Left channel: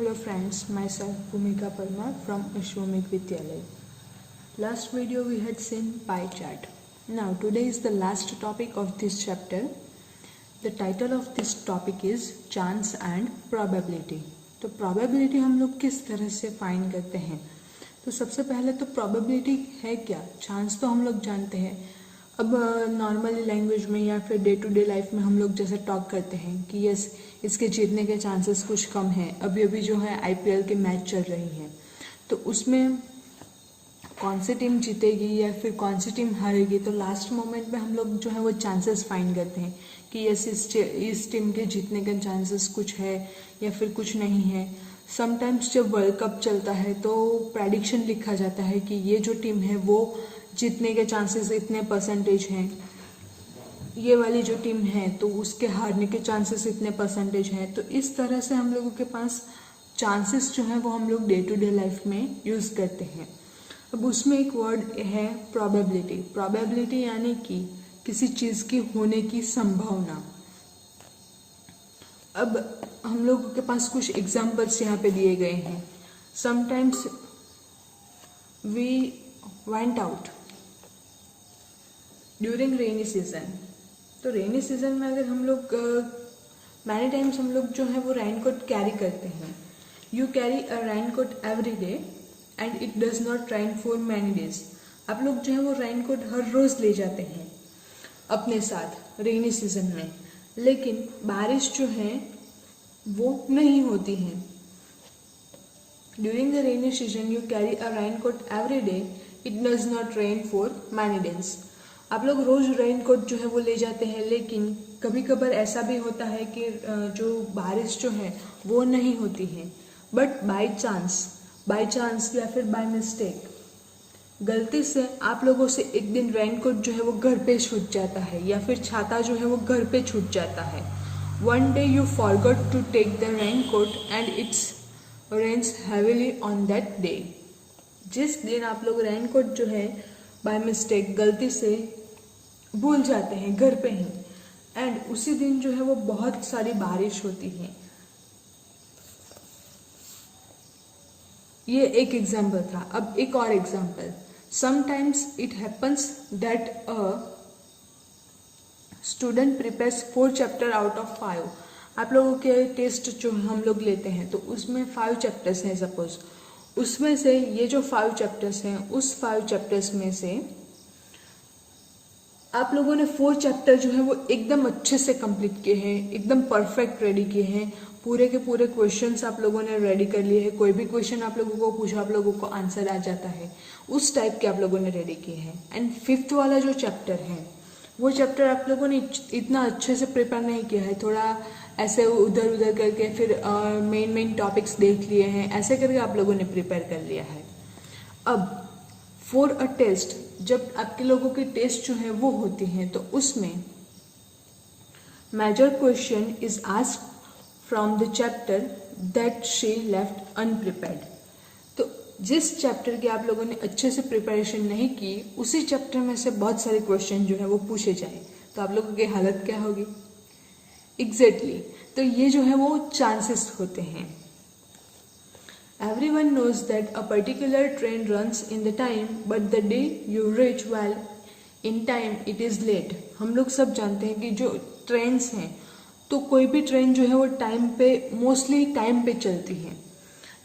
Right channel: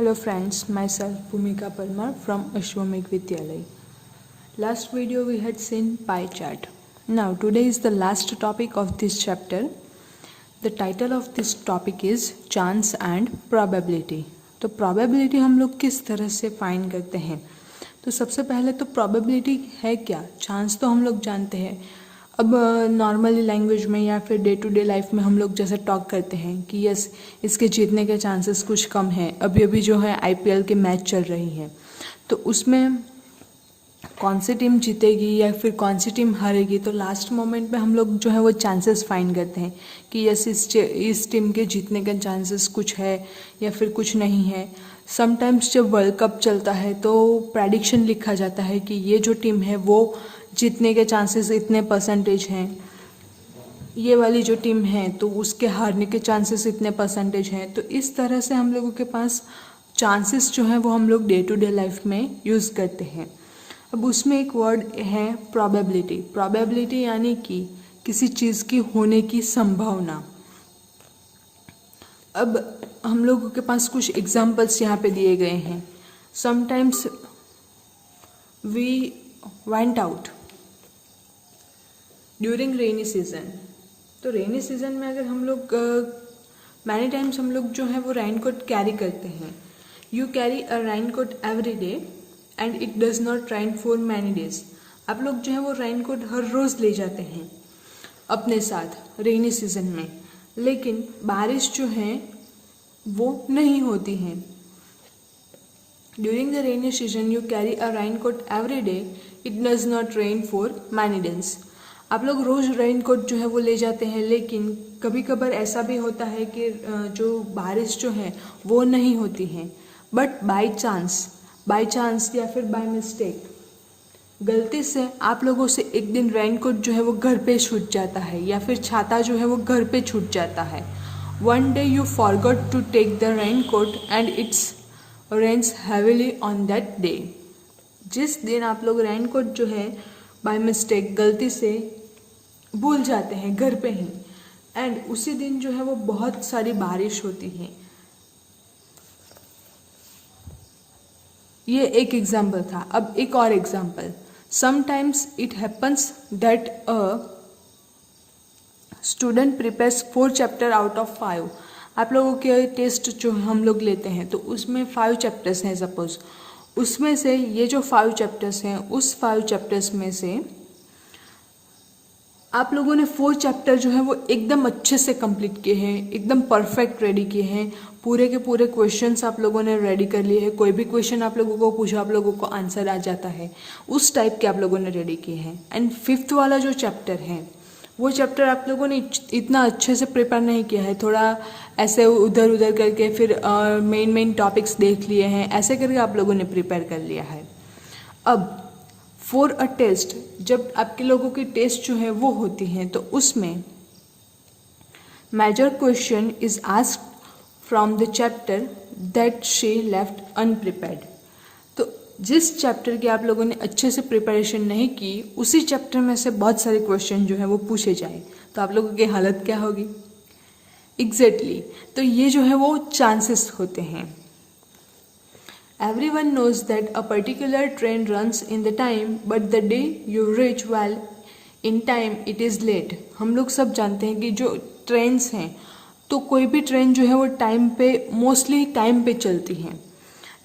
Hello friends, myself Bhumika Parmar from Ashwamedh Vidyalaya. Last video we had seen pie chart. Now today is the last topic of this chapter. The title of this topic is chance and probability. तो probability हम लोग किस तरह से find करते हैं? तो सबसे पहले तो probability है क्या? चांस तो हम लोग जानते हैं. अब नॉर्मली लैंग्वेज में या फिर डे टू डे लाइफ में हम लोग जैसे टॉक करते हैं कि यस इसके जीतने के चांसेस कुछ कम हैं. अभी अभी जो है आईपीएल के मैच चल रही है तो उसमें कौन सी टीम जीतेगी या फिर कौन सी टीम हारेगी, तो लास्ट मोमेंट में हम लोग जो है वो चांसेस फाइंड करते हैं कि यस इस टीम के जीतने के चांसेस कुछ है या फिर कुछ नहीं है. समटाइम्स जब वर्ल्ड कप चलता है तो प्रेडिक्शन लिखा जाता है कि ये जो टीम है वो जीतने के चांसेस इतने परसेंटेज हैं, ये वाली जो टीम है तो उसके हारने के चांसेस इतने परसेंटेज हैं. तो इस तरह से हम लोगों के पास चांसेस जो है वो हम लोग डे टू डे लाइफ में यूज़ करते हैं. अब उसमें एक वर्ड है प्रोबेबिलिटी. प्रोबेबिलिटी यानी कि किसी चीज़ की होने की संभावना. अब हम लोगों के पास कुछ एग्जाम्पल्स यहाँ पे दिए गए हैं. Sometimes we went out during rainy season. तो रेनी सीजन में अगर हम लोग मैनी टाइम्स हम लोग जो है वो रेन कोट कैरी करते हैं. You carry a rain coat every day and it does not rain for many days. आप लोग जो है वो रेन कोट हर रोज़ ले जाते हैं अपने साथ रेनी सीजन में, लेकिन बारिश जो है वो नहीं होती है. During the rainy season you carry a rain coat every day, it does not rain for many days. आप लोग रोज़ रेन कोट जो है वो ले जाते हैं, लेकिन कभी कभार ऐसा भी होता है कि जो बारिश जो है वो नहीं होती है. बट बाय चांस या फिर बाय मिस्टेक गलती से आप लोगों से एक दिन रेन कोट जो है वो घर पे छूट जाता है या फिर छाता जो है वो घर पे छूट जाता है. One day you forgot to take the rain coat and it's rains heavily on that day. जिस दिन आप लोग रेन कोट जो है बाय मिस्टेक गलती से भूल जाते हैं घर पे ही, एंड उसी दिन जो है वो बहुत सारी बारिश होती है. ये एक एग्जाम्पल था. अब एक और example. Sometimes it happens that a student prepares 4 chapter out of 5. आप लोगों के टेस्ट जो हम लोग लेते हैं तो उसमें 5 चैप्टर्स हैं सपोज. उसमें से ये जो 5 चैप्टर्स हैं उस 5 चैप्टर्स में से आप लोगों ने 4 चैप्टर जो है वो एकदम अच्छे से कंप्लीट किए हैं, एकदम परफेक्ट रेडी किए हैं. पूरे के पूरे क्वेश्चंस आप लोगों ने रेडी कर लिए हैं. कोई भी क्वेश्चन आप लोगों को पूछो आप लोगों को आंसर आ जाता है. उस टाइप के आप लोगों ने रेडी किए हैं. एंड 5th वाला जो चैप्टर है वो चैप्टर आप लोगों ने इतना अच्छे से प्रिपेयर नहीं किया है. थोड़ा ऐसे उधर उधर करके फिर मेन टॉपिक्स देख लिए हैं, ऐसे करके आप लोगों ने प्रिपेयर कर लिया है. अब फॉर अ टेस्ट, जब आपके लोगों की टेस्ट जो है वो होती हैं तो उसमें major question is asked from the chapter that she left unprepared. तो जिस चैप्टर की आप लोगों ने अच्छे से प्रिपरेशन नहीं की उसी चैप्टर में से बहुत सारे क्वेश्चन जो है वो पूछे जाए तो आप लोगों की हालत क्या होगी. एग्जैक्टली. तो ये जो है वो चांसेस होते हैं. Everyone knows that a particular train runs in the time, but the day you reach well in time, it is late. हम लोग सब जानते हैं कि जो ट्रेन्स हैं तो कोई भी ट्रेन जो है वो टाइम पे मोस्टली टाइम पे चलती हैं,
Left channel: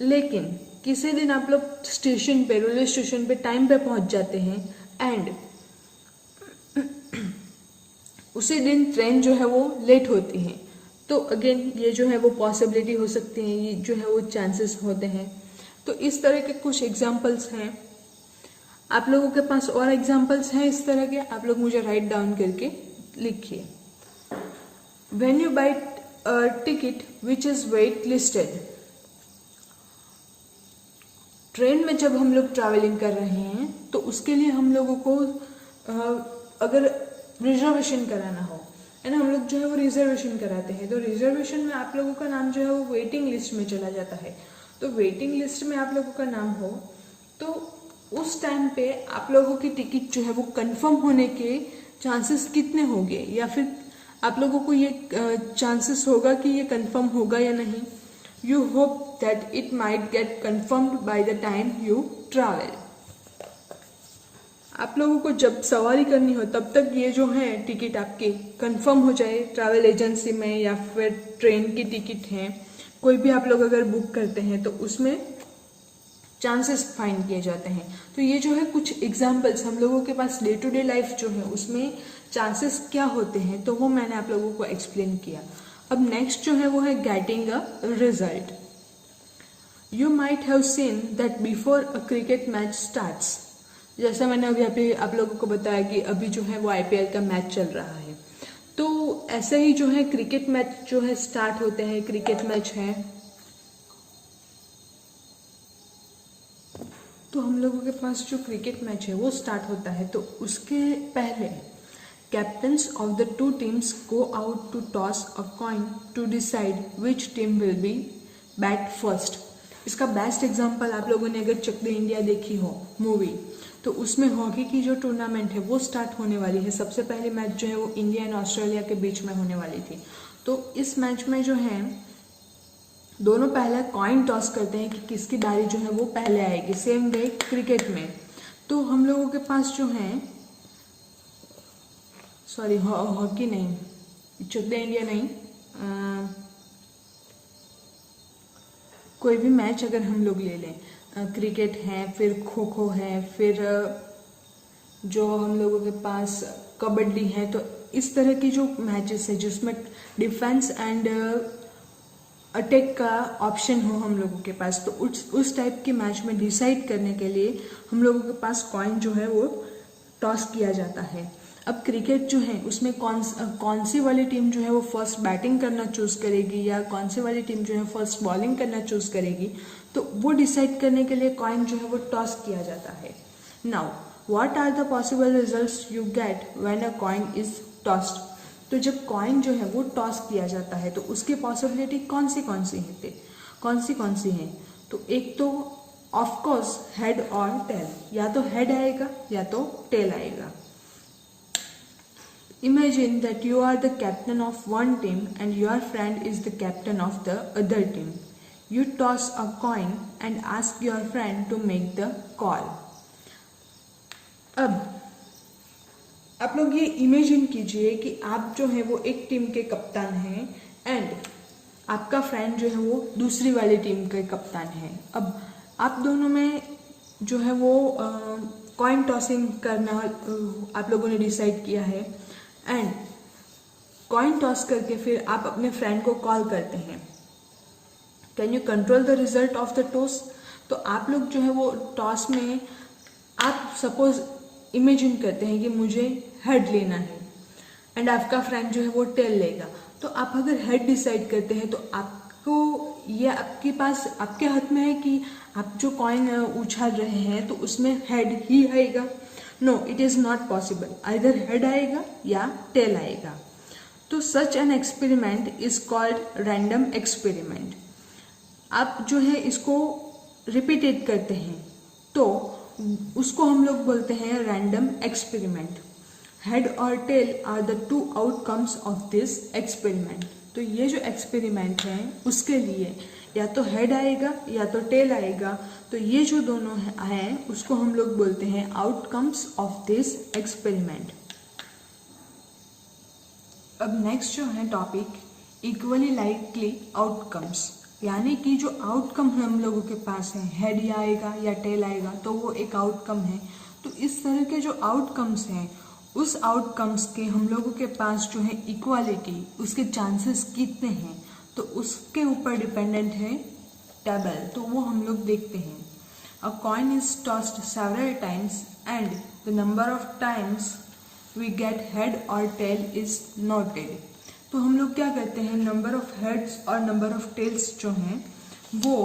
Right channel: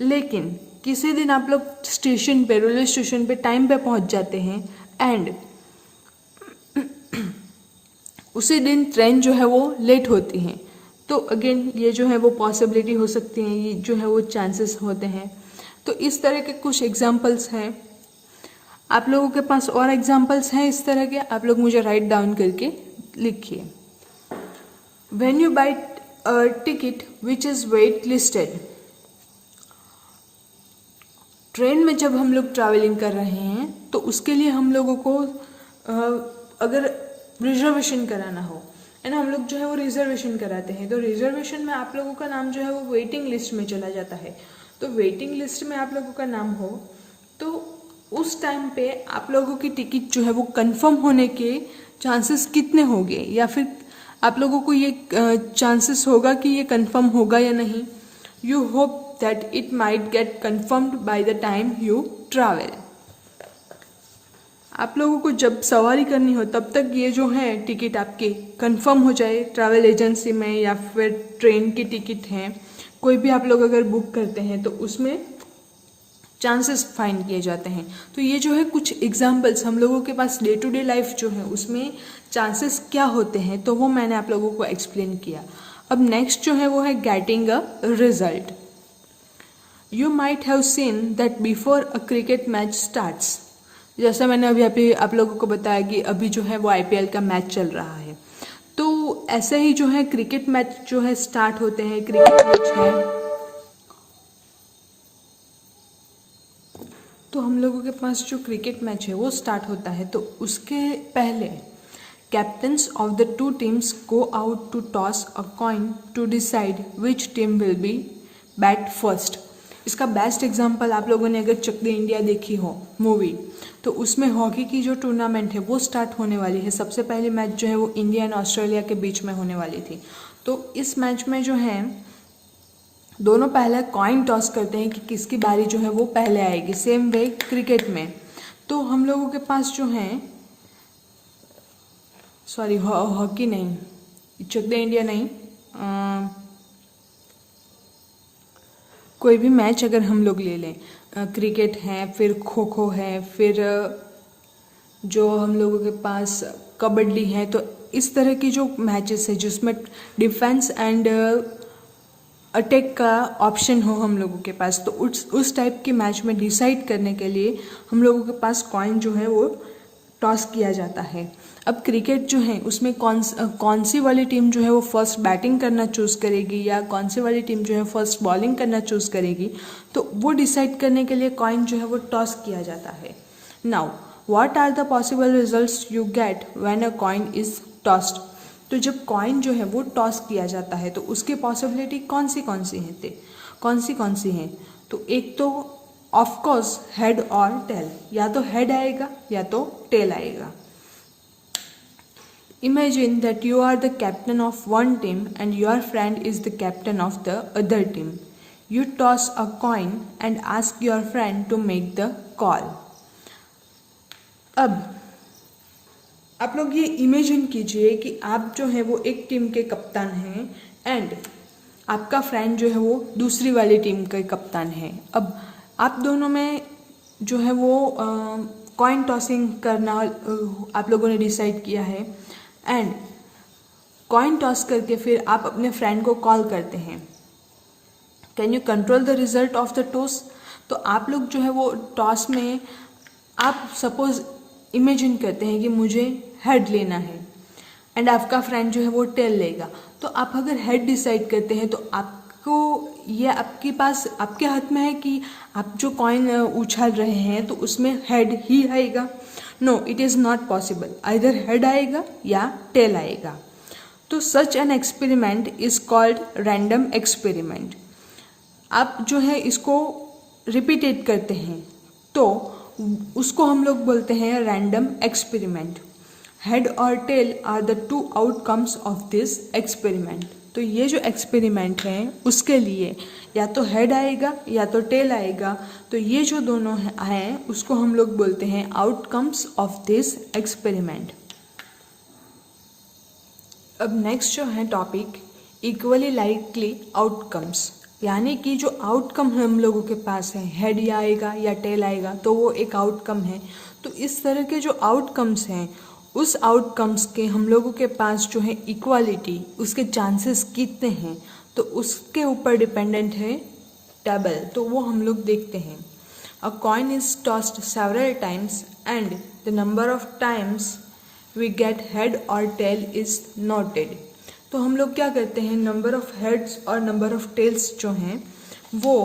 लेकिन किसी दिन आप लोग स्टेशन पे रेलवे स्टेशन पे टाइम पे पहुंच जाते हैं एंड उसी दिन ट्रेन जो है वो लेट होती हैं. तो अगेन ये जो है वो पॉसिबिलिटी हो सकती है, ये जो है वो चांसेस होते हैं. तो इस तरह के कुछ एग्जांपल्स हैं. आप लोगों के पास और एग्जांपल्स हैं इस तरह के, आप लोग मुझे राइट डाउन करके लिखिए. When you buy a ticket which is wait listed. Train में जब हम लोग ट्रैवलिंग कर रहे हैं तो उसके लिए हम लोगों को अगर रिजर्वेशन कराना हो है ना, हम लोग जो है वो रिजर्वेशन कराते हैं. तो रिजर्वेशन में आप लोगों का नाम जो है वो वेटिंग लिस्ट में चला जाता है. तो वेटिंग लिस्ट में आप लोगों का नाम हो तो उस टाइम पे आप लोगों की टिकट जो है वो कंफर्म होने के चांसेस कितने होंगे, या फिर आप लोगों को ये चांसेस होगा कि ये कंफर्म होगा या नहीं. You hope that it might get confirmed by the time you travel. आप लोगों को जब सवारी करनी हो तब तक ये जो है टिकट आपकी कंफर्म हो जाए ट्रैवल एजेंसी में, या फिर ट्रेन की टिकट है कोई भी आप लोग अगर बुक करते हैं तो उसमें चांसेस फाइंड किए जाते हैं। तो ये जो है कुछ एग्जांपल्स हम लोगों के पास डे टू डे लाइफ जो है उसमें चांसेस क्या होते हैं तो वो मैंने आप लोगों को एक्सप्लेन किया। अब नेक्स्ट जो है वो है getting a result. You might have seen that before a cricket match starts, जैसा मैंने अभी आप लोगों को बताया कि अभी जो है वो आईपीएल का मैच चल रहा है, तो ऐसे ही जो है क्रिकेट मैच जो है स्टार्ट होते हैं। क्रिकेट मैच है तो हम लोगों के पास जो क्रिकेट मैच है वो स्टार्ट होता है, तो उसके पहले captains of the two teams go out to toss a coin to decide which team will be bat first. इसका बेस्ट एग्जांपल आप लोगों ने अगर चक दे इंडिया देखी हो मूवी, तो उसमें हॉकी की जो टूर्नामेंट है वो स्टार्ट होने वाली है। सबसे पहले मैच जो है वो इंडिया एंड ऑस्ट्रेलिया के बीच में होने वाली थी। तो इस मैच में जो है दोनों पहले कॉइन टॉस करते हैं कि किसकी बारी जो है वो पहले आएगी। सेम वे क्रिकेट में तो हम लोगों के पास जो है सॉरी हॉकी नहीं, चक दे इंडिया नहीं, कोई भी मैच अगर हम लोग ले लें, क्रिकेट है, फिर खो खो है, फिर जो हम लोगों के पास कबड्डी है, तो इस तरह की जो मैचेस है जिसमें डिफेंस एंड अटैक का ऑप्शन हो हम लोगों के पास, तो उस टाइप के मैच में डिसाइड करने के लिए हम लोगों के पास कॉइन जो है वो टॉस किया जाता है। अब क्रिकेट जो है उसमें कौन सी वाली टीम जो है वो फर्स्ट बैटिंग करना चूज़ करेगी या कौन सी वाली टीम जो है फर्स्ट बॉलिंग करना चूज़ करेगी, तो वो डिसाइड करने के लिए कॉइन जो है वो टॉस किया जाता है। Now what are the possible results you get when a coin is tossed. तो जब कॉइन जो है वो टॉस किया जाता है तो उसकी पॉसिबिलिटी कौन सी हैं, तो एक तो ऑफ कोर्स हेड और टेल, या तो हेड आएगा या तो टेल आएगा। Imagine that you are the captain of one team and your friend is the captain of the other team. You toss a coin and ask your friend to make the call. अब आप लोग ये imagine कीजिए कि आप जो है वो एक टीम के कप्तान हैं एंड आपका फ्रेंड जो है वो दूसरी वाली टीम का कप्तान है। अब आप दोनों में जो है वो कॉइन टॉसिंग करना आप लोगों ने डिसाइड किया है एंड कॉइन टॉस करके फिर आप अपने फ्रेंड को कॉल करते हैं। Can you control the result of the toss. तो आप लोग जो है वो टॉस में आप सपोज इमेजिन करते हैं कि मुझे हेड लेना है एंड आपका फ्रेंड जो है वो टेल लेगा। तो आप अगर हेड डिसाइड करते हैं तो आपको ये आपके पास आपके हाथ में है कि आप जो कॉइन उछाल रहे हैं तो उसमें हेड ही आएगा। No, it is not possible, either head आएगा या टेल आएगा। तो such an experiment is called random experiment. आप जो है इसको रिपीटेड करते हैं तो उसको हम लोग बोलते हैं रैंडम एक्सपेरिमेंट। हेड और tail are the two outcomes of this experiment. तो ये जो एक्सपेरिमेंट है उसके लिए या तो हेड आएगा या तो टेल आएगा, तो ये जो दोनों हैं उसको हम लोग बोलते हैं आउटकम्स ऑफ दिस एक्सपेरिमेंट। अब नेक्स्ट जो है टॉपिक इक्वली लाइकली आउटकम्स, यानी कि जो आउटकम हम लोगों के पास है, हेड या आएगा या टेल आएगा तो वो एक आउटकम है। तो इस तरह के जो आउटकम्स हैं उस आउटकम्स के हम लोगों के पास जो है इक्वालिटी, उसके चांसेस कितने हैं, तो उसके ऊपर डिपेंडेंट है टेबल। तो वो हम लोग देखते हैं। A coin is tossed several times and the number of times we get head और टेल इज नोटेड। तो हम लोग क्या करते हैं, नंबर ऑफ हेड्स और नंबर ऑफ टेल्स जो हैं वो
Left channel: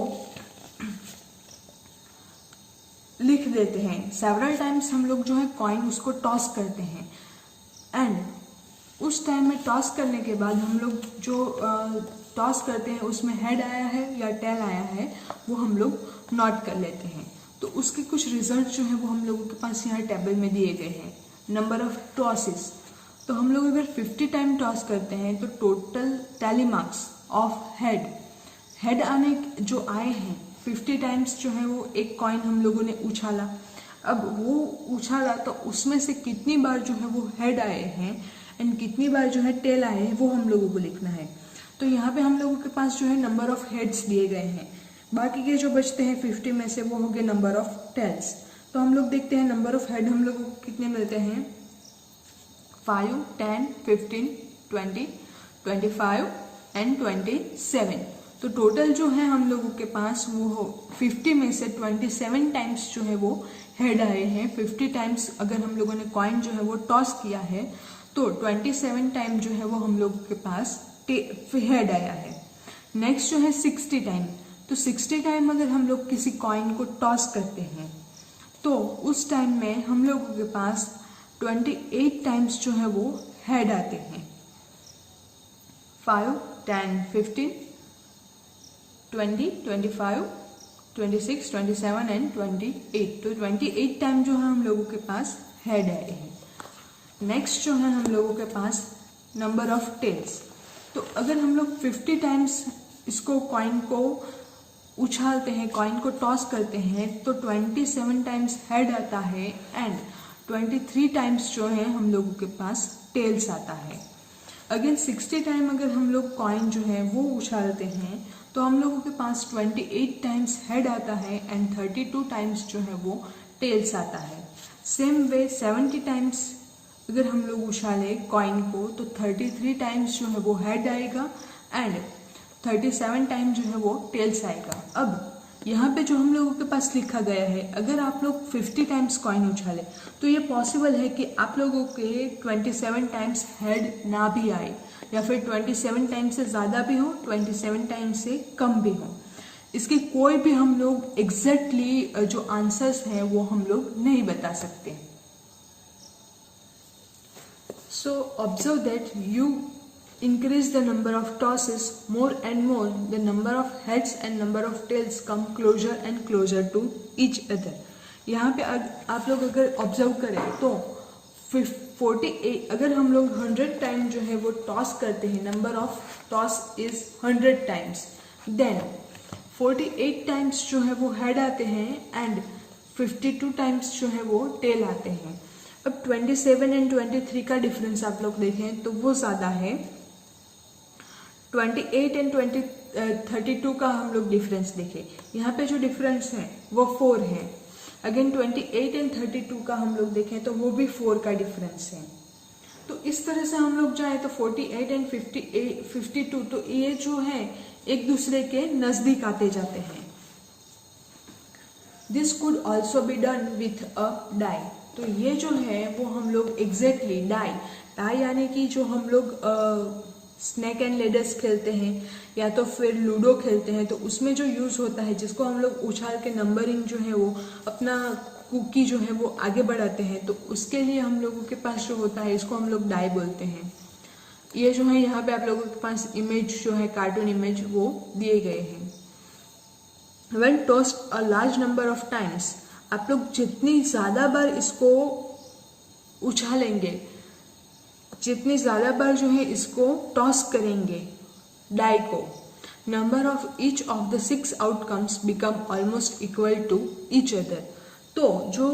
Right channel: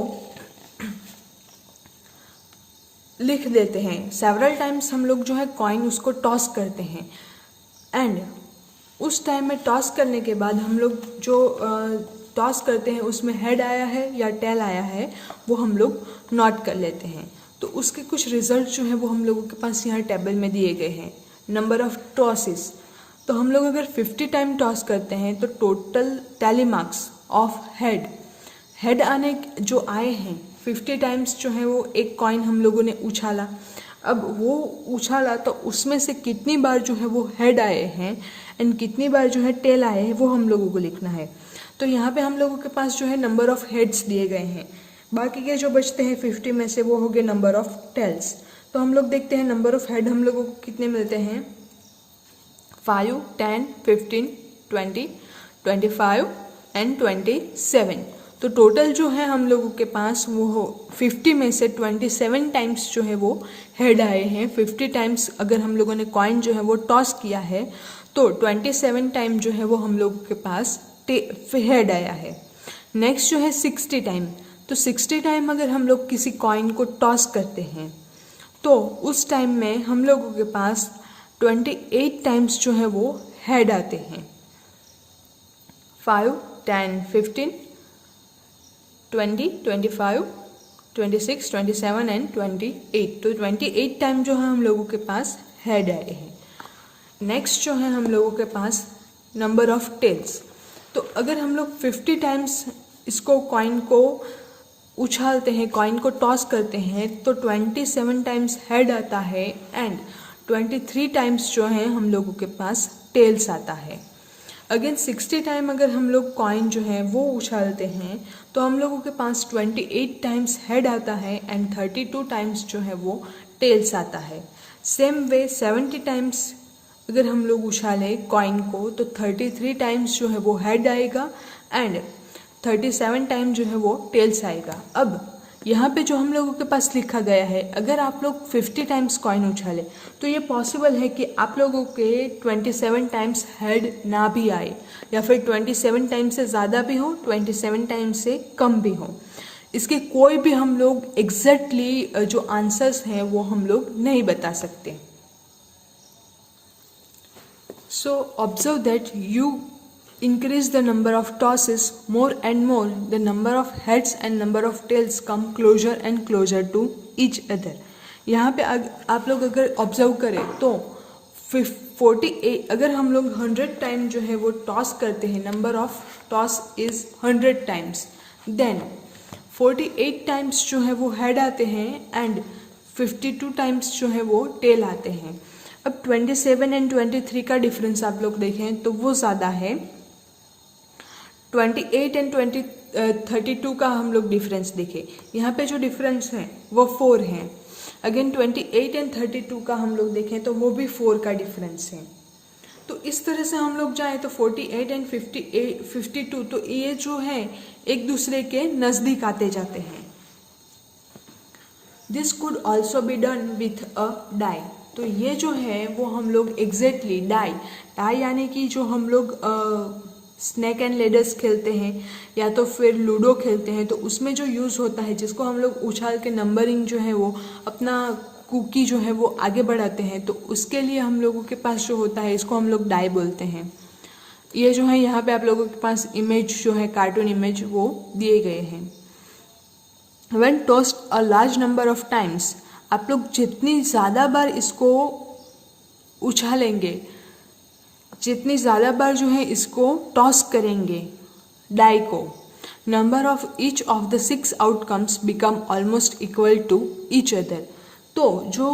लिख देते हैं। सेवरल टाइम्स हम लोग जो है कॉइन उसको टॉस करते हैं एंड उस टाइम में टॉस करने के बाद हम लोग जो टॉस करते हैं उसमें हेड आया है या टेल आया है वो हम लोग नोट कर लेते हैं। तो उसके कुछ रिजल्ट जो है वो हम लोगों के पास यहाँ टेबल में दिए गए हैं। नंबर ऑफ टॉसेस, तो हम लोग अगर 50 टाइम टॉस करते हैं तो total tally marks of head आने जो आए हैं 50 टाइम्स जो है वो एक कॉइन हम लोगों ने उछाला। अब वो उछाला तो उसमें से कितनी बार जो है वो हेड आए हैं एंड कितनी बार जो है टेल आए हैं वो हम लोगों को लिखना है। तो यहाँ पे हम लोगों के पास जो है नंबर ऑफ हेड्स दिए गए हैं, बाकी के जो बचते हैं 50 में से वो हो गए नंबर ऑफ टेल्स। तो हम लोग देखते हैं नंबर ऑफ हेड हम लोगों को कितने मिलते हैं, 5, 10, 15, 20, 25 एंड 27। तो टोटल जो है हम लोगों के पास वो हो 50 में से 27 टाइम्स जो है वो हेड आए हैं। 50 टाइम्स अगर हम लोगों ने कॉइन जो है वो टॉस किया है तो 27 टाइम जो है वो हम लोगों के पास हेड आया है। नेक्स्ट जो है 60 टाइम, तो 60 टाइम अगर हम लोग किसी कॉइन को टॉस करते हैं तो उस टाइम में हम लोगों के पास 28 टाइम्स जो है वो हेड आते हैं। 5, 10, 15, 20, 25, 26, 27 एंड 28। तो 28 टाइम जो है हम लोगों के पास हेड आए हैं। नेक्स्ट जो है हम लोगों के पास नंबर ऑफ टेल्स, तो अगर हम लोग 50 टाइम्स इसको कॉइन को उछालते हैं, कॉइन को टॉस करते हैं तो 27 टाइम्स हेड आता है एंड 23 टाइम्स जो है हम लोगों के पास टेल्स आता है। अगेन 60 टाइम अगर हम लोग कॉइन जो है वो उछालते हैं तो हम लोगों के पास 28 टाइम्स हेड आता है एंड 32 टाइम्स जो है वो टेल्स आता है। सेम वे 70 टाइम्स अगर हम लोग उछाले कॉइन को तो 33 टाइम्स जो है वो हेड आएगा एंड 37 टाइम जो है वो टेल्स आएगा। अब यहाँ पे जो हम लोगों के पास लिखा गया है, अगर आप लोग 50 टाइम्स कॉइन उछाले तो ये पॉसिबल है कि आप लोगों के 27 टाइम्स हेड ना भी आए या फिर 27 टाइम से ज़्यादा भी हो, 27 टाइम से कम भी हो। इसके कोई भी हम लोग एग्जैक्टली जो आंसर्स हैं वो हम लोग नहीं बता सकते। So observe that you increase the number of tosses more and more, the number of heads and number of tails come closer and closer to each other। यहाँ पे आप लोग अगर ऑब्जर्व करें तो 48 अगर हम लोग 100 टाइम जो है वो टॉस करते हैं, number of toss is 100 times, then 48 times जो है वो हेड आते हैं एंड 52 टाइम्स जो है वो टेल आते हैं। अब 27 एंड 23 का डिफरेंस आप लोग देखें तो वो ज़्यादा है। 28 एंड 32 का हम लोग डिफरेंस देखें, यहाँ पे जो डिफरेंस है वो 4 है। अगेन 28 एंड 32 का हम लोग देखें तो वो भी 4 का डिफरेंस है। तो इस तरह से हम लोग जाएं तो 48 एंड 52 तो ये जो है एक दूसरे के नज़दीक आते जाते हैं। This could also be done with a die, तो ये जो है वो हम लोग एग्जैक्टली डाई यानी कि जो हम लोग स्नेक एंड लेडर्स खेलते हैं या तो फिर लूडो खेलते हैं तो उसमें जो यूज़ होता है, जिसको हम लोग उछाल के नंबरिंग जो है वो अपना कुकी जो है वो आगे बढ़ाते हैं, तो उसके लिए हम लोगों के पास जो होता है इसको हम लोग डाई बोलते हैं। ये जो है यहाँ पे आप लोगों के पास इमेज जो है कार्टून इमेज वो दिए गए हैं। When tossed a large number of times, आप लोग जितनी ज़्यादा बार इसको उछालेंगे, जितनी ज़्यादा बार जो है इसको टॉस करेंगे डाई को, number of each of the 6 outcomes become almost equal to each other. तो जो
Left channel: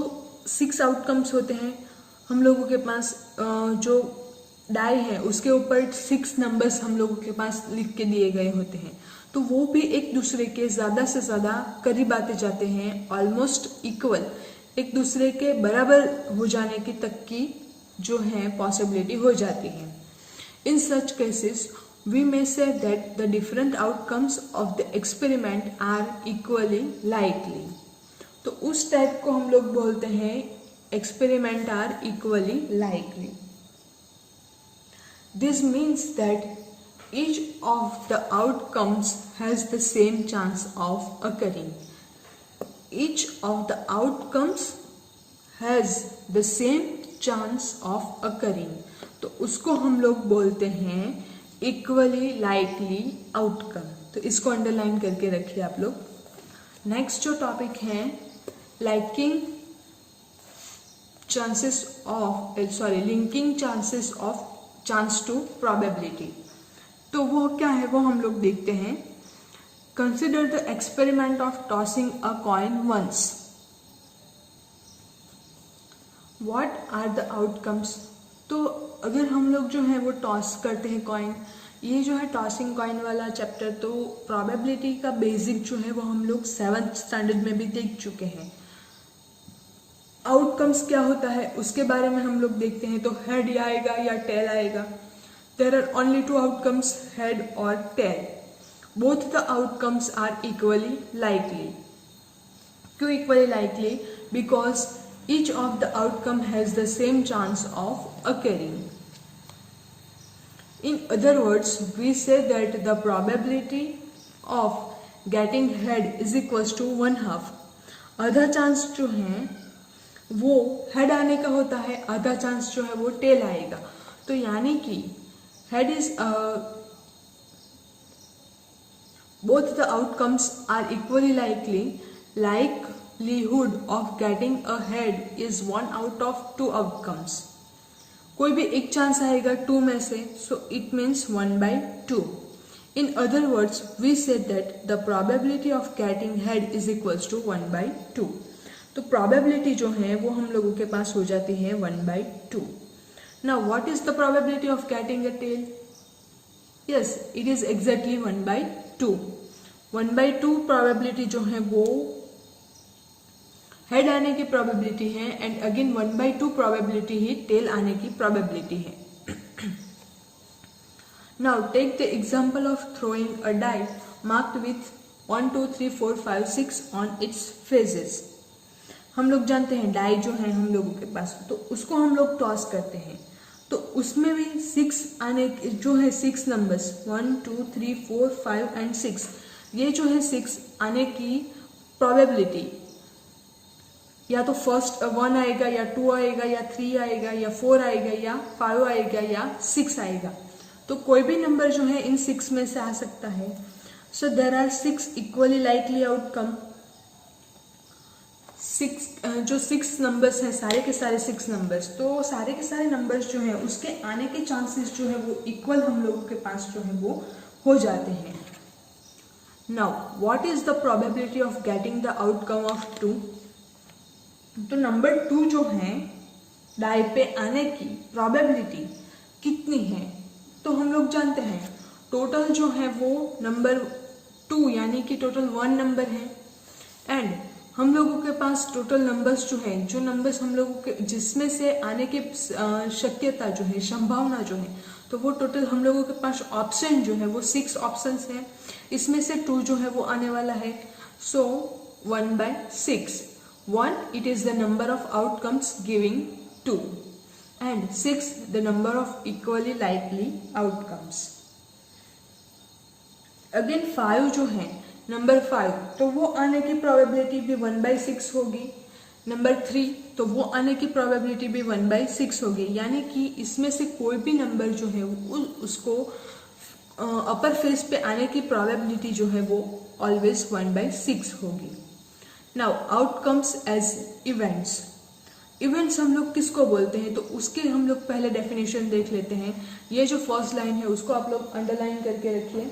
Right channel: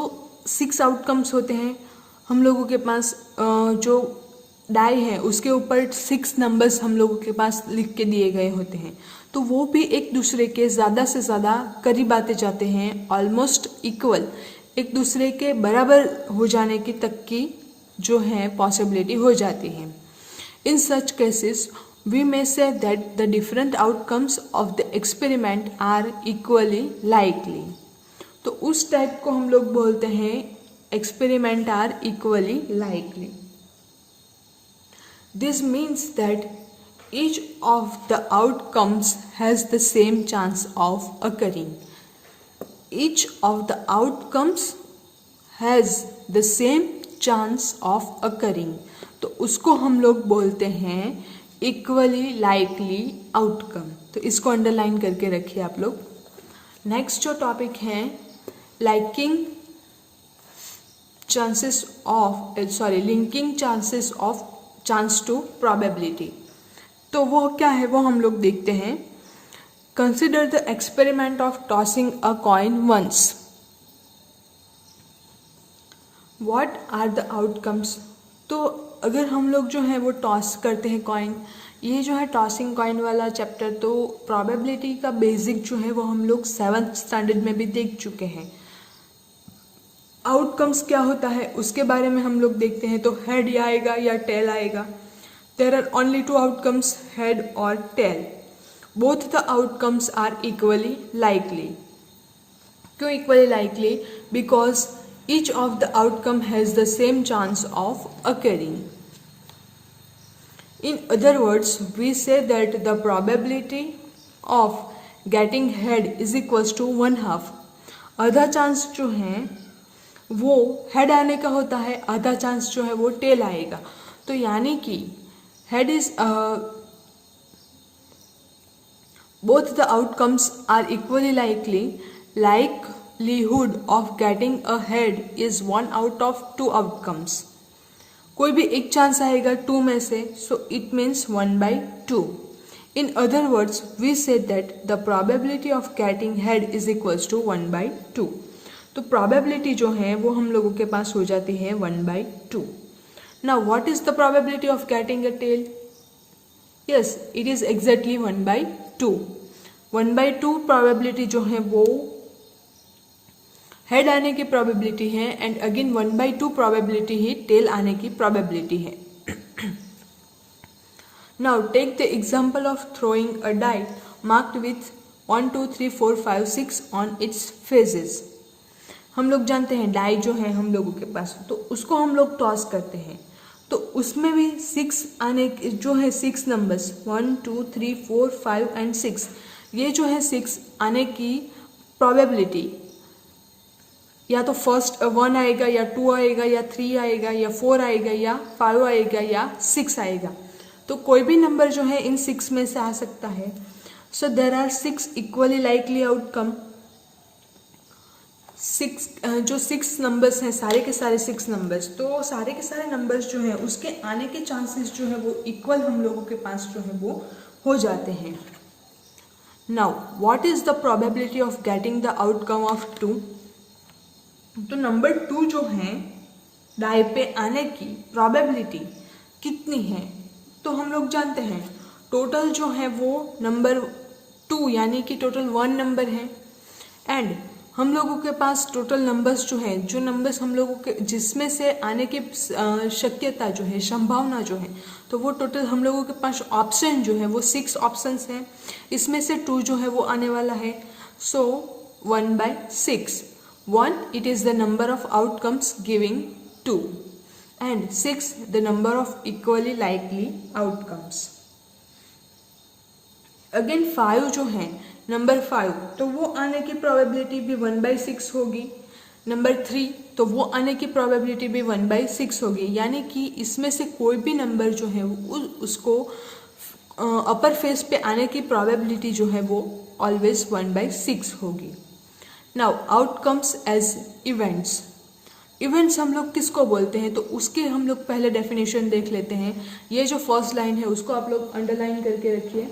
6 आउटकम्स होते हैं हम लोगों के पास, जो डाई है उसके ऊपर 6 नंबर्स हम लोगों के पास लिख के दिए गए होते हैं, तो वो भी एक दूसरे के ज़्यादा से ज़्यादा करीब आते जाते हैं, ऑलमोस्ट इक्वल, एक दूसरे के बराबर हो जाने की तक की जो है पॉसिबिलिटी हो जाती है। इन such cases we may say that the different outcomes of the experiment are equally likely. तो उस टाइप को हम लोग बोलते हैं experiment are equally likely. This means that each of the outcomes has the same chance of occurring. Each of the outcomes has the same chance of occurring. तो उसको हम लोग बोलते हैं equally likely outcome। तो इसको अंडरलाइन करके रखिए आप लोग। नेक्स्ट जो टॉपिक है linking chances of chance to probability. तो वो क्या है वो हम लोग देखते हैं। Consider the experiment of tossing a coin once. What are the outcomes. तो अगर हम लोग जो है वो टॉस करते हैं कॉइन, ये जो है टॉसिंग कॉइन वाला चैप्टर, तो प्रोबेबिलिटी का बेसिक जो है वो हम लोग 7th स्टैंडर्ड में भी देख चुके हैं. आउटकम्स क्या होता है उसके बारे में हम लोग देखते हैं. तो हेड आएगा या टेल आएगा. There are only 2 outcomes, head और tail. Both the outcomes are equally likely. क्यों equally likely? Because each of the outcome has the same chance of occurring. In other words, we say that the probability of getting head is equals to 1/2. आधा chance जो है वो head आने का होता है, आधा चांस जो है वो टेल आएगा. तो यानी कि head is both the outcomes are equally likely. Likelihood of getting a head is 1 out of 2 outcomes. कोई भी एक चांस आएगा 2 में से, so it means 1/2. In other words, we said that the probability of getting head is equals to 1/2. तो probability जो है वो हम लोगों के पास हो जाती है 1/2. Now what is the probability of getting a tail? Yes, it is exactly 1/2. 1/2 probability जो है वो हेड आने की प्रोबेबिलिटी है, एंड अगेन 1/2 प्रोबेबिलिटी ही टेल आने की प्रोबेबिलिटी है. Now take the example of throwing a die marked with 1 2 3 4 5 6 on its faces. हम लोग जानते हैं डाई जो है हम लोगों के पास, तो उसको हम लोग टॉस करते हैं. तो उसमें भी 6 आने जो है 6 नंबर्स 1 2 3 4 5 एंड 6, ये जो है 6 आने की प्रोबेबिलिटी या तो फर्स्ट 1 आएगा या 2 आएगा या 3 आएगा या 4 आएगा या 5 आएगा या 6 आएगा. तो कोई भी नंबर जो है इन 6 में से आ सकता है. So there are 6 equally likely outcome. 6 numbers हैं, सारे के सारे 6 नंबर्स, तो सारे के सारे नंबर्स जो है उसके आने के चांसेस जो है वो इक्वल हम लोगों के पास जो है वो हो जाते हैं. Now what is the probability of getting the outcome of 2. तो नंबर 2 जो है डाई पे आने की प्रोबेबिलिटी कितनी है, तो हम लोग जानते हैं टोटल जो है वो नंबर 2 यानी कि टोटल 1 नंबर है, एंड हम लोगों के पास टोटल नंबर्स जो है, जो नंबर्स हम लोगों के जिसमें से आने की शक्यता जो है, संभावना जो है, तो वो टोटल हम लोगों के पास ऑप्शन जो है वो 6 ऑप्शंस हैं. इसमें से 2 जो है वो आने वाला है. सो 1/6. 1 it is the number of outcomes giving 2, and 6 the number of equally likely outcomes. Again 5 जो है नंबर 5, तो वो आने की प्रोबेबिलिटी भी 1/6 होगी. नंबर 3 तो वो आने की प्रोबेबिलिटी भी 1/6 होगी. यानी कि इसमें से कोई भी नंबर जो है उसको अपर फेस पे आने की प्रोबेबिलिटी जो है वो ऑलवेज 1/6 होगी. Now outcomes as events. Events हम लोग किसको बोलते हैं, तो उसके हम लोग पहले डेफिनेशन देख लेते हैं. ये जो फर्स्ट लाइन है उसको आप लोग अंडरलाइन करके रखिए.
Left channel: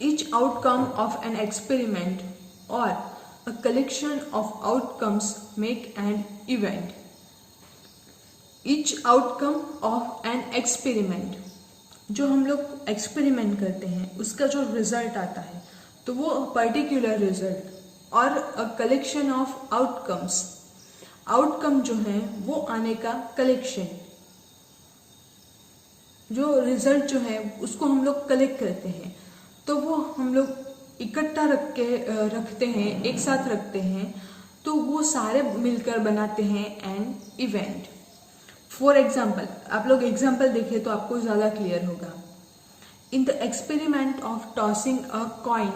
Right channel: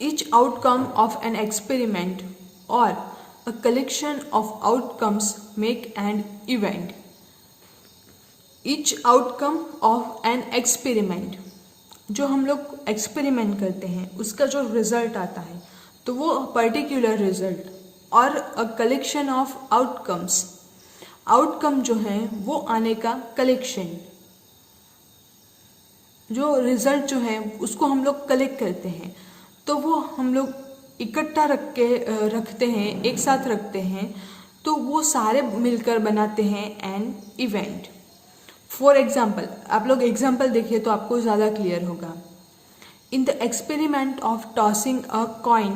Each outcome of an experiment or a collection of outcomes make an event. Each outcome of an experiment, जो हम लोग एक्सपेरिमेंट करते हैं उसका जो रिजल्ट आता है तो वो पर्टिकुलर रिजल्ट, और a collection of outcomes. Outcome जो है वो आने का कलेक्शन, जो रिजल्ट जो है उसको हम लोग कलेक्ट करते हैं, तो वो हम लोग इकट्ठा रखते हैं, एक साथ रखते हैं, तो वो सारे मिलकर बनाते हैं एन इवेंट. फॉर एग्जाम्पल, आप लोग एग्जाम्पल देखिए तो आपको ज़्यादा क्लियर होगा. In the experiment of tossing a coin,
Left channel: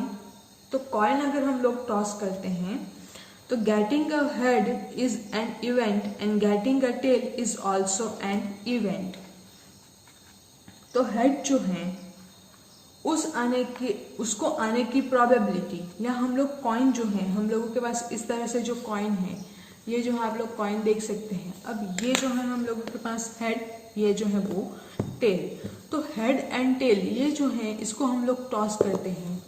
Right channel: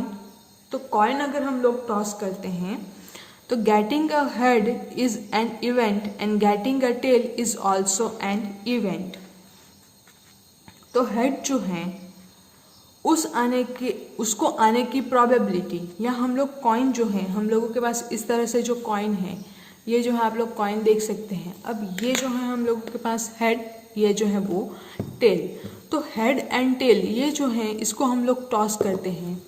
तो कॉइन अगर हम लोग टॉस करते हैं तो getting a head is an event and getting a tail is also an event. तो हेड जो है उसको आने की प्रोबेबिलिटी, या हम लोग कॉइन जो है, हम लोगों के पास इस तरह से जो कॉइन है, ये जो है आप लोग कॉइन देख सकते हैं. अब ये जो है हम लोगों के पास हेड ये जो है वो टेल। तो हेड एंड टेल ये जो है इसको हम लोग टॉस करते हैं।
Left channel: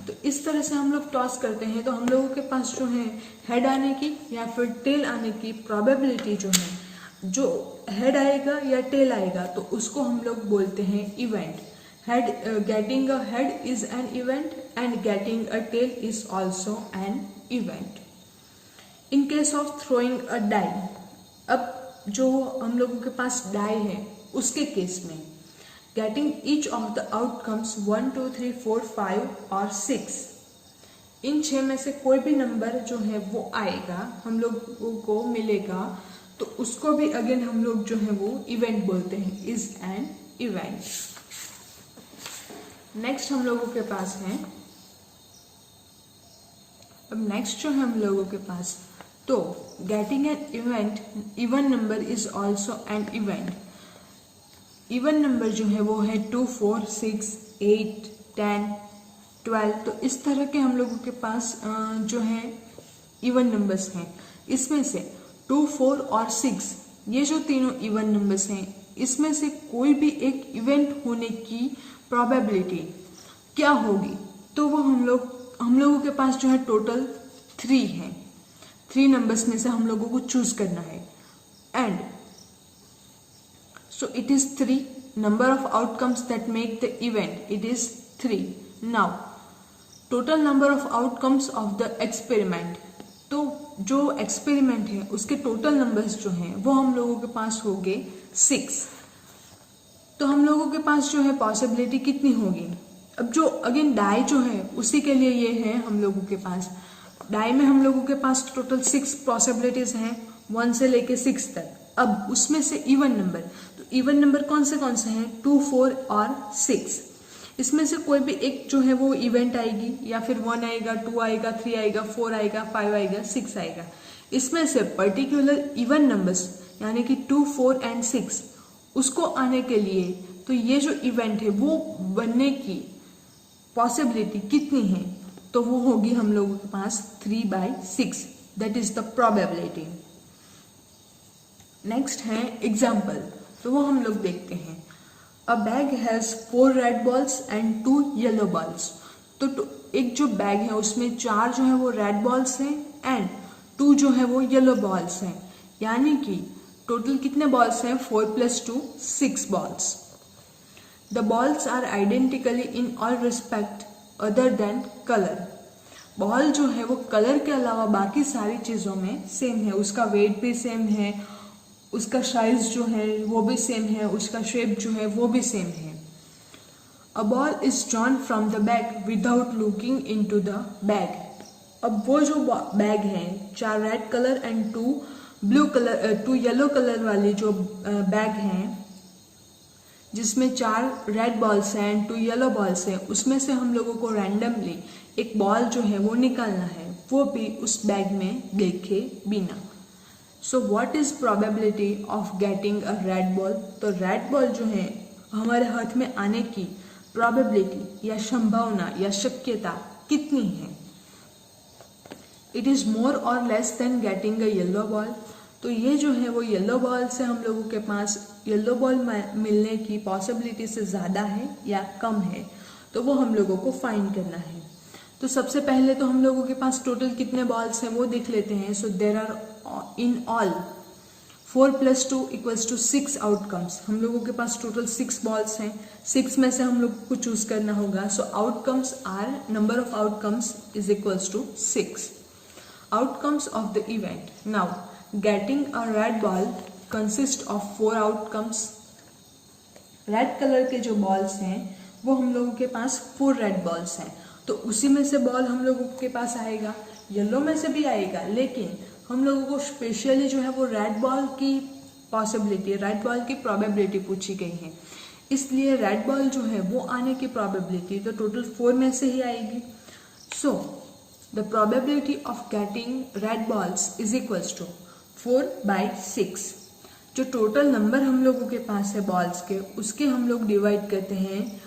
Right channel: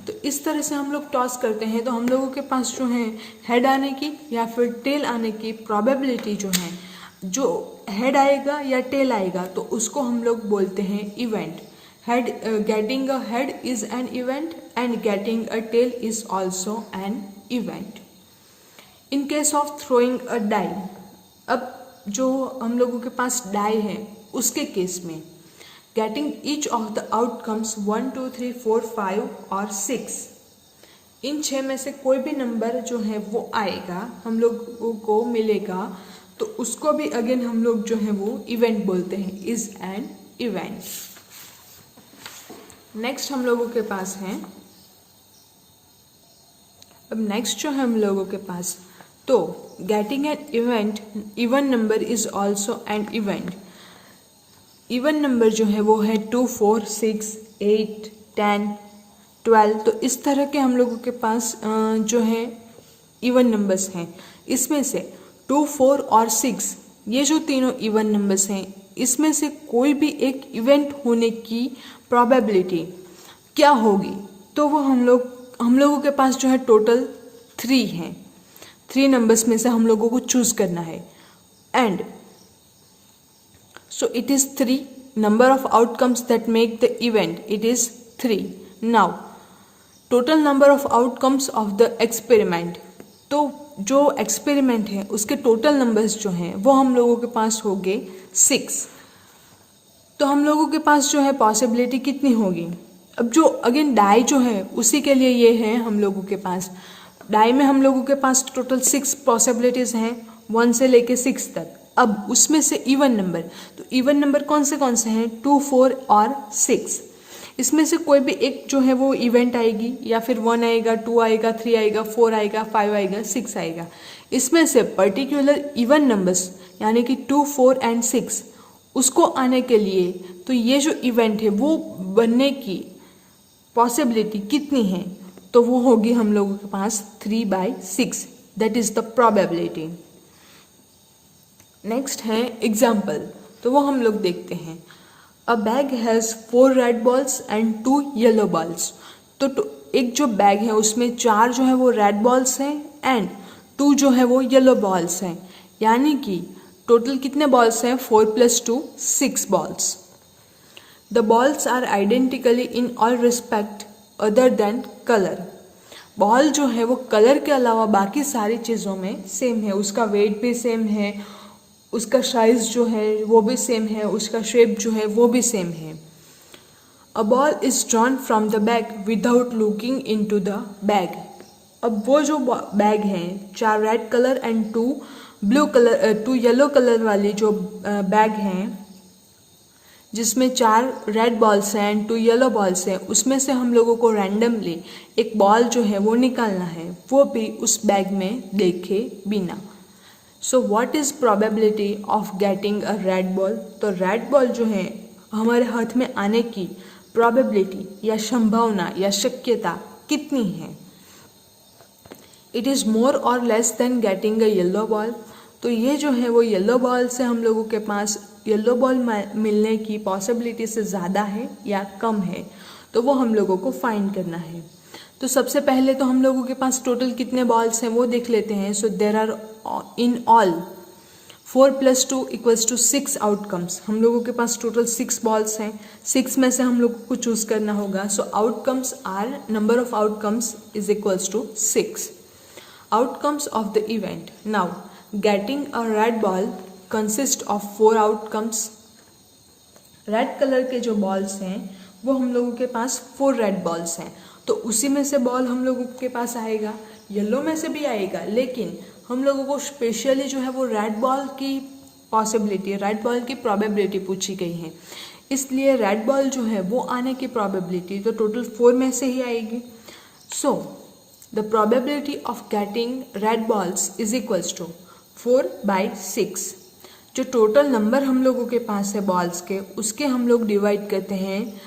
तो इस तरह से हम लोग टॉस करते हैं तो हम लोगों के पास जो है हेड आने की या फिर टेल आने की प्रोबेबिलिटी जो है, जो हेड आएगा या टेल आएगा तो उसको हम लोग बोलते हैं event. Head getting a head is an event and getting a tail is also an event. In case of throwing a die, अब जो हम लोगों के पास डाई है उसके केस में getting each of the outcomes 1 2 3 4 5 और 6, इन 6 में से कोई भी नंबर जो है वो आएगा हम लोगों को मिलेगा तो उसको भी अगेन हम लोग जो है वो इवेंट बोलते हैं, इज एन इवेंट। नेक्स्ट हम लोगों के पास है, अब नेक्स्ट जो है हम लोगों के पास, तो getting an event, even number is also an event. Even number जो है वो है 2 4 6 8 10 12, तो इस तरह के हम लोगों के पास जो है इवन नंबर्स हैं। इसमें से 2 4 और 6 ये जो तीनों इवन नंबर्स हैं इसमें से कोई भी एक इवेंट होने की प्रोबेबिलिटी क्या होगी, तो वो हम लोगों के पास जो है टोटल 3 हैं। 3 नंबर्स में से हम लोगों को चूज करना है and so it is 3 number of outcomes that make the event, it is 3. Now total number of outcomes of the experiment, तो जो एक्सपेरिमेंट है उसके टोटल नंबर्स जो हैं वो हम लोगों के पास हो गए 6। तो हम लोगों के पास जो है पॉसिबिलिटी कितनी होगी, अब जो अगेन डाई जो है उसी के लिए ये है हम लोगों के पास, डाई में हम लोगों के पास टोटल 6 पॉसिबिलिटीज हैं 1 से लेके 6 तक। अब उसमें से इवन नंबर, तो इवन नंबर कौन से हैं 2 4 और 6, इसमें से कोई भी एक जो है वो इवेंट आएगी, या फिर 1 आएगा 2 आएगा 3 आएगा 4 आएगा 5 आएगा 6 आएगा। इसमें से पर्टिकुलर इवन नंबर्स यानी कि 2 4 एंड 6 उसको आने के लिए तो ये जो इवेंट है वो बनने की पॉसिबिलिटी कितनी है, तो वो होगी हम लोगों के पास 3/6, that is the probability. Next है एग्जाम्पल, तो वो हम लोग देखते हैं। अ bag has 4 red balls and 2 yellow balls, तो एक जो बैग है उसमें 4 जो है वो रेड बॉल्स हैं एंड 2 जो है वो येलो बॉल्स हैं, यानी कि टोटल कितने बॉल्स हैं 4 + 2 6 balls. The balls are identically in all respect other than colour, ball जो है वो कलर के अलावा बाकी सारी चीज़ों में सेम है, उसका वेट भी सेम है, उसका साइज जो है वो भी सेम है, उसका शेप जो है वो भी सेम है। A ball is drawn from the bag without looking into the bag, अब वो जो बैग है 4 red colour and 2 yellow colour वाली जो बैग हैं जिसमें 4 रेड बॉल्स हैं एंड 2 येलो बॉल्स हैं, उसमें से हम लोगों को रैंडमली एक बॉल जो है वो निकालना है, वो भी उस बैग में देखे बिना। So what is probability of getting a red ball, तो रेड बॉल जो है हमारे हाथ में आने की प्रोबेबिलिटी या संभावना या शक्यता कितनी है। इट इज मोर और less than getting a yellow ball, तो ये जो है वो येलो बॉल से हम लोगों के पास येलो बॉल मिलने की पॉसिबिलिटी से ज़्यादा है या कम है, तो वो हम लोगों को फाइंड करना है। तो सबसे पहले तो हम लोगों के पास टोटल कितने बॉल्स हैं वो देख लेते हैं। So there are in all 4 + 2 = 6 outcomes, हम लोगों के पास टोटल 6 बॉल्स हैं, 6 में से हम लोग को चूज करना होगा। So outcomes are number of outcomes is equals to 6। Outcomes of the event, now getting a red ball consist of 4 outcomes. Red colour के जो बॉल्स हैं वो हम लोगों के पास 4 रेड बॉल्स हैं, तो उसी में से बॉल हम लोगों के पास आएगा, येलो में से भी आएगा, लेकिन हम लोगों को स्पेशली जो है वो रेड बॉल की पॉसिबिलिटी, रेड बॉल की प्रोबेबिलिटी पूछी गई है, इसलिए रेड बॉल जो है वो आने की प्रोबेबिलिटी तो टोटल 4 में से ही आएगी। So the probability of getting red balls is equals to 4/6। जो टोटल नंबर हम लोगों के पास है बॉल्स के, उसके हम लोग डिवाइड करते हैं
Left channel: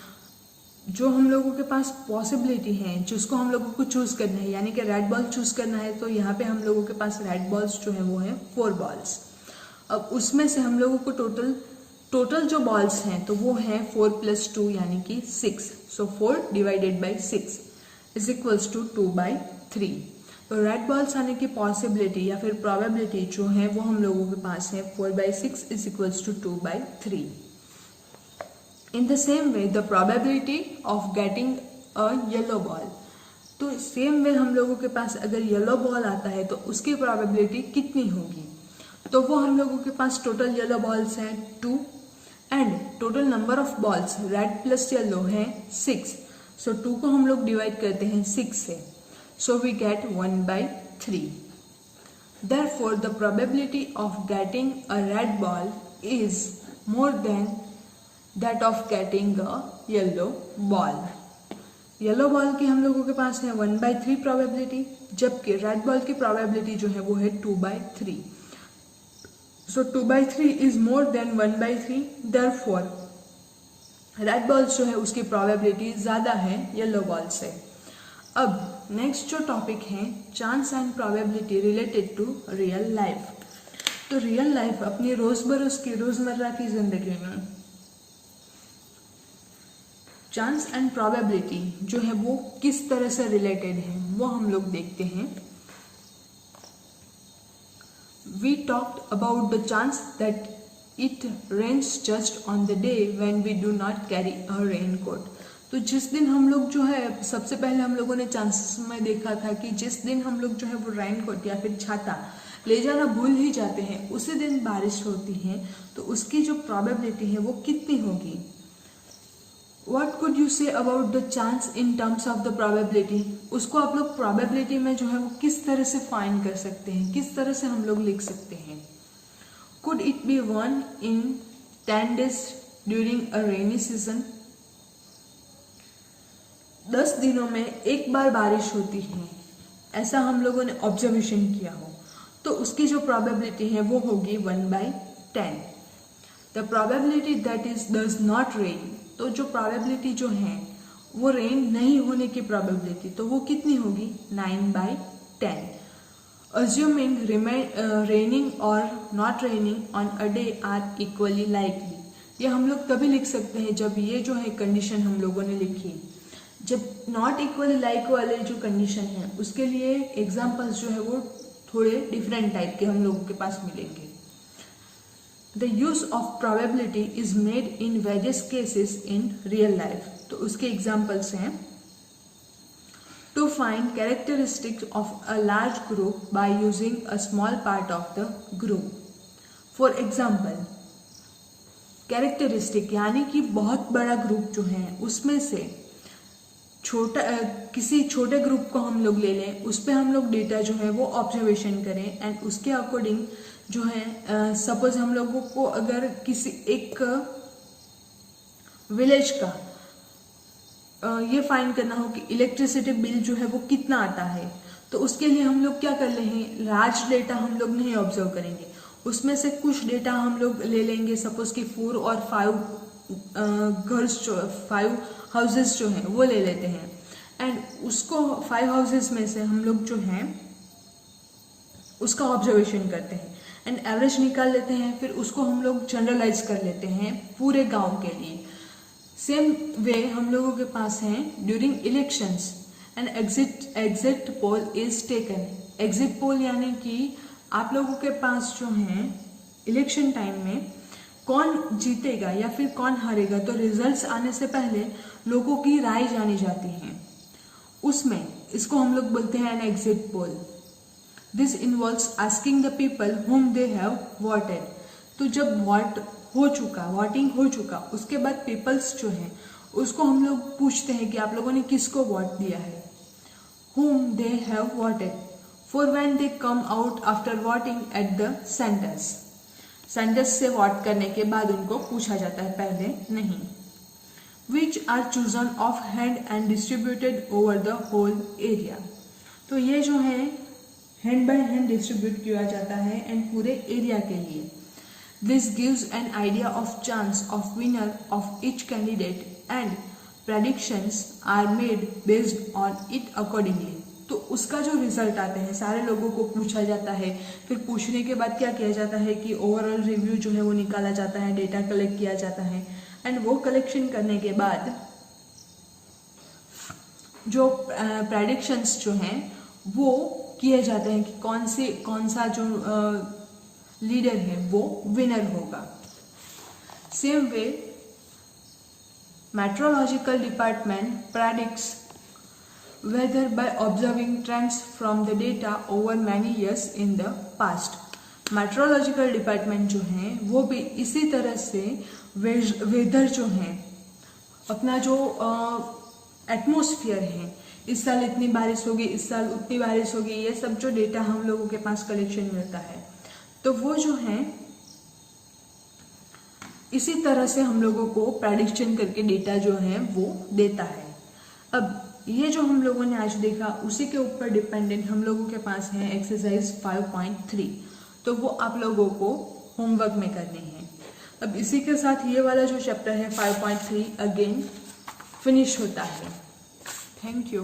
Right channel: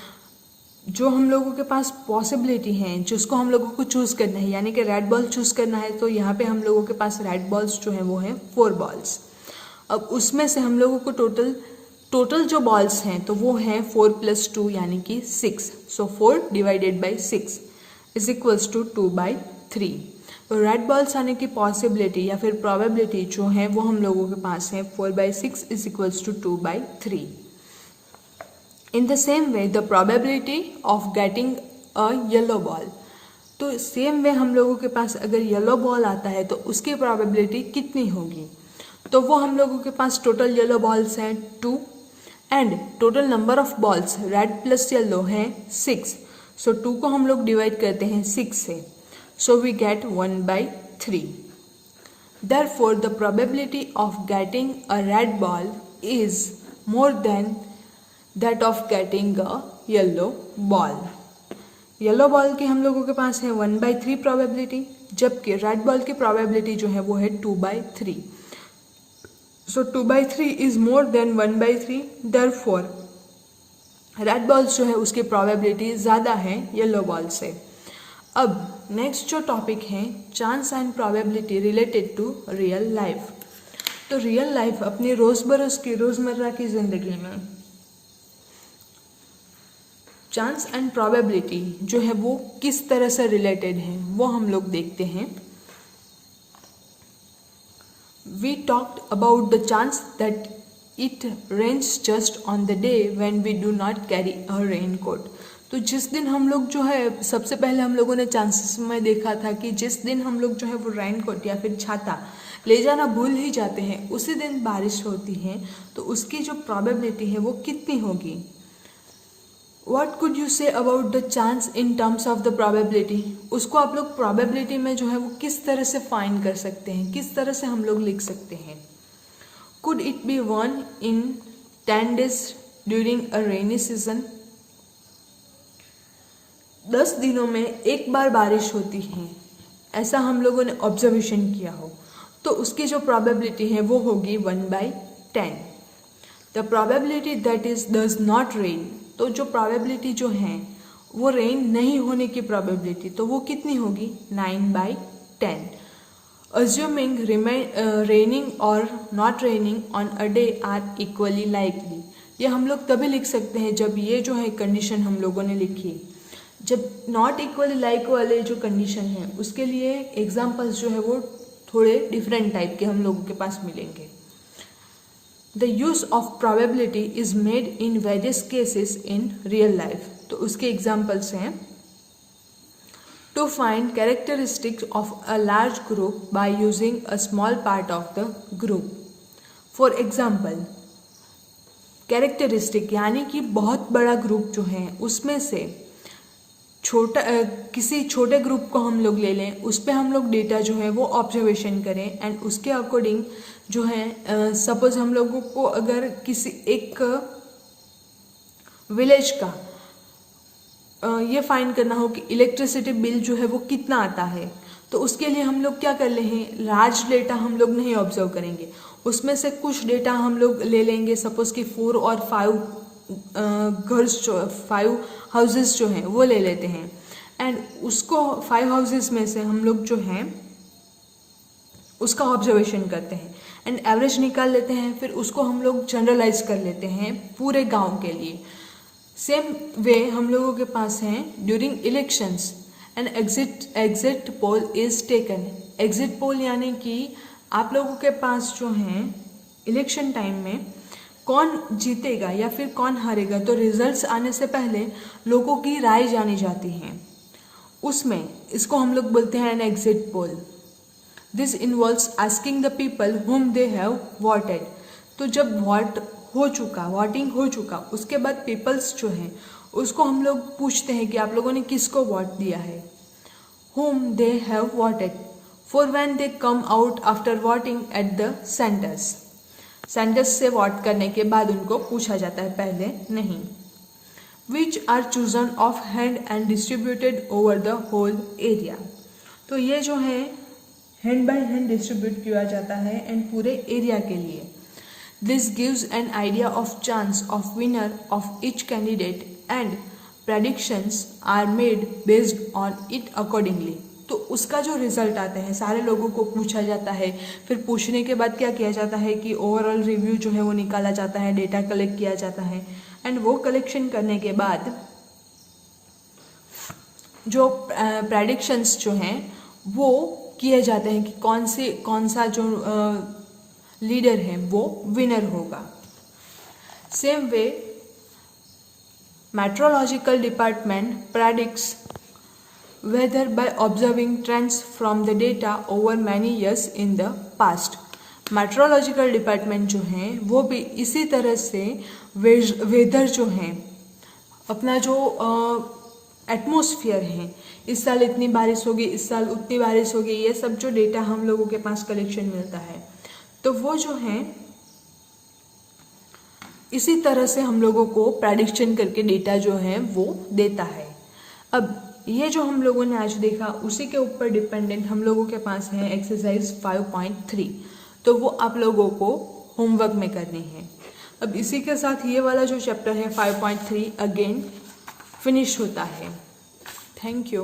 जो हम लोगों के पास पॉसिबिलिटी है जिसको हम लोगों को चूज करना है, यानी कि रेड बॉल चूज करना है, तो यहाँ पे हम लोगों के पास रेड बॉल्स जो है वो है 4 बॉल्स। अब उसमें से हम लोगों को टोटल जो बॉल्स हैं तो वो है 4 + 2 यानी कि 6। सो 4 / 6 इज इक्वल्स टू 2/3। तो रेड बॉल्स आने की पॉसिबिलिटी या फिर प्रोबेबिलिटी जो है वो हम लोगों के पास है 4/6 is equals to 2/3। In the same way, the probability of getting a yellow ball, तो सेम वे हम लोगों के पास अगर येलो बॉल आता है तो उसकी प्रोबेबिलिटी कितनी होगी, तो वो हम लोगों के पास टोटल येलो बॉल्स हैं 2 and total number of balls red plus yellow है 6। सो 2 को हम लोग डिवाइड करते हैं 6 से, so we get 1/3। Therefore, the probability of getting a red ball is more than that of getting a yellow ball. Yellow ball की हम लोगों के पास है 1/3 प्रोबेबिलिटी, जबकि रेड बॉल की प्रोबेबिलिटी जो है वो है 2/3। सो 2/3 is more than 1/3, therefore red balls जो है उसकी प्रोबेबिलिटी ज़्यादा है येलो बॉल से। अब नेक्स्ट जो टॉपिक है chance and probability related to real life. तो रियल लाइफ अपनी रोज़मर्रा की ज़िंदगी में चांस एंड प्रोबेबिलिटी जो है वो किस तरह से रिलेटेड है वो हम लोग देखते हैं। We talked about the chance that it rains just on the day when we do not carry a rain coat. तो जिस दिन हम लोग जो है सबसे पहले हम लोगों ने चांसेस में देखा था कि जिस दिन हम लोग जो है वो रेन कोट या फिर छाता ले जाना भूल ही जाते हैं उसी दिन बारिश होती है, तो उसकी जो प्रोबेबिलिटी है वो कितनी होगी। What could you say about the chance in terms of the probability? उसको आप लोग probability में जो है वो किस तरह से फाइंड कर सकते हैं, किस तरह से हम लोग लिख सकते हैं। Could it be 1 in 10 days during a rainy season? 10 दिनों में एक बार बारिश होती है, ऐसा हम लोगों ने ऑब्जर्वेशन किया हो, तो उसकी जो probability है वो होगी 1/10। The probability that it does not rain, तो जो प्रोबेबिलिटी जो है वो रेन नहीं होने की प्रोबेबिलिटी तो वो कितनी होगी 9/10। अज्यूमिंग रेनिंग और not raining on a day are equally likely. ये हम लोग तभी लिख सकते हैं जब ये जो है कंडीशन हम लोगों ने लिखी। जब नॉट इक्वली लाइक वाले जो कंडीशन है उसके लिए एग्जाम्पल्स जो है वो थोड़े डिफरेंट टाइप के हम लोगों के पास मिलेंगे। The use of probability is made in various cases in real life. तो उसके examples हैं to find characteristics of a large group by using a small part of the group. For example, characteristic यानी कि बहुत बड़ा group जो है उसमें से किसी छोटे ग्रुप को हम लोग ले लें, उस पर हम लोग डेटा जो है वो ऑब्जर्वेशन करें एंड उसके अकॉर्डिंग जो है सपोज हम लोगों को अगर किसी एक विलेज का ये फाइंड करना हो कि इलेक्ट्रिसिटी बिल जो है वो कितना आता है, तो उसके लिए हम लोग क्या कर ले हैं, लार्ज डेटा हम लोग नहीं ऑब्जर्व करेंगे, उसमें से कुछ डेटा हम लोग ले लेंगे। सपोज कि 4 और 5 घर्स जो 5 हाउसेस जो हैं वो ले लेते हैं एंड उसको 5 हाउसेस में से हम लोग जो हैं उसका ऑब्जर्वेशन करते हैं एंड एवरेज निकाल लेते हैं, फिर उसको हम लोग जनरलाइज कर लेते हैं पूरे गांव के लिए। सेम वे हम लोगों के पास हैं during elections and exit pole is taken. Exit poll यानी कि आप लोगों के पास जो है इलेक्शन टाइम में कौन जीतेगा या फिर कौन हारेगा, तो रिजल्ट्स आने से पहले लोगों की राय जानी जाती है, उसमें इसको हम लोग बोलते हैं an exit poll. This involves asking the people whom they have voted. तो जब वोटिंग हो चुका उसके बाद पीपल्स जो है उसको हम लोग पूछते हैं कि आप लोगों ने किसको वोट दिया है, whom they have voted, for when they come out after voting at the centres. Centres से वोट करने के बाद उनको पूछा जाता है, पहले नहीं। Which are chosen of hand and distributed over the whole area. तो ये जो है हैंड बाय हैंड डिस्ट्रीब्यूट किया जाता है एंड पूरे एरिया के लिए। This gives an idea of chance of winner of each candidate and predictions are made based on it accordingly. तो उसका जो रिजल्ट आता है सारे लोगों को पूछा जाता है, फिर पूछने के बाद क्या किया जाता है कि ओवरऑल रिव्यू जो है वो निकाला जाता है, डेटा कलेक्ट किया जाता है, एंड वो कलेक्शन करने के बाद जो प्रेडिक्शंस जो हैं वो किए जाते हैं कि कौन सा जो लीडर है वो विनर होगा। Same way meteorological department predicts weather by observing trends from the data over many years in the past। Metrological department जो है वो भी इसी तरह से वेदर जो है, अपना जो एटमॉस्फेयर है, इस साल इतनी बारिश होगी, इस साल उतनी बारिश होगी, ये सब जो डेटा हम लोगों के पास कलेक्शन मिलता है, तो वो जो है इसी तरह से हम लोगों को प्रेडिक्शन करके डेटा जो है वो देता है। अब ये जो हम लोगों ने आज देखा उसी के ऊपर डिपेंडेंट हम लोगों के पास है एक्सरसाइज 5.3, तो वो आप लोगों को होमवर्क में करनी है। अब इसी के साथ ये वाला जो चैप्टर है 5.3 अगेन फिनिश होता है। Thank you.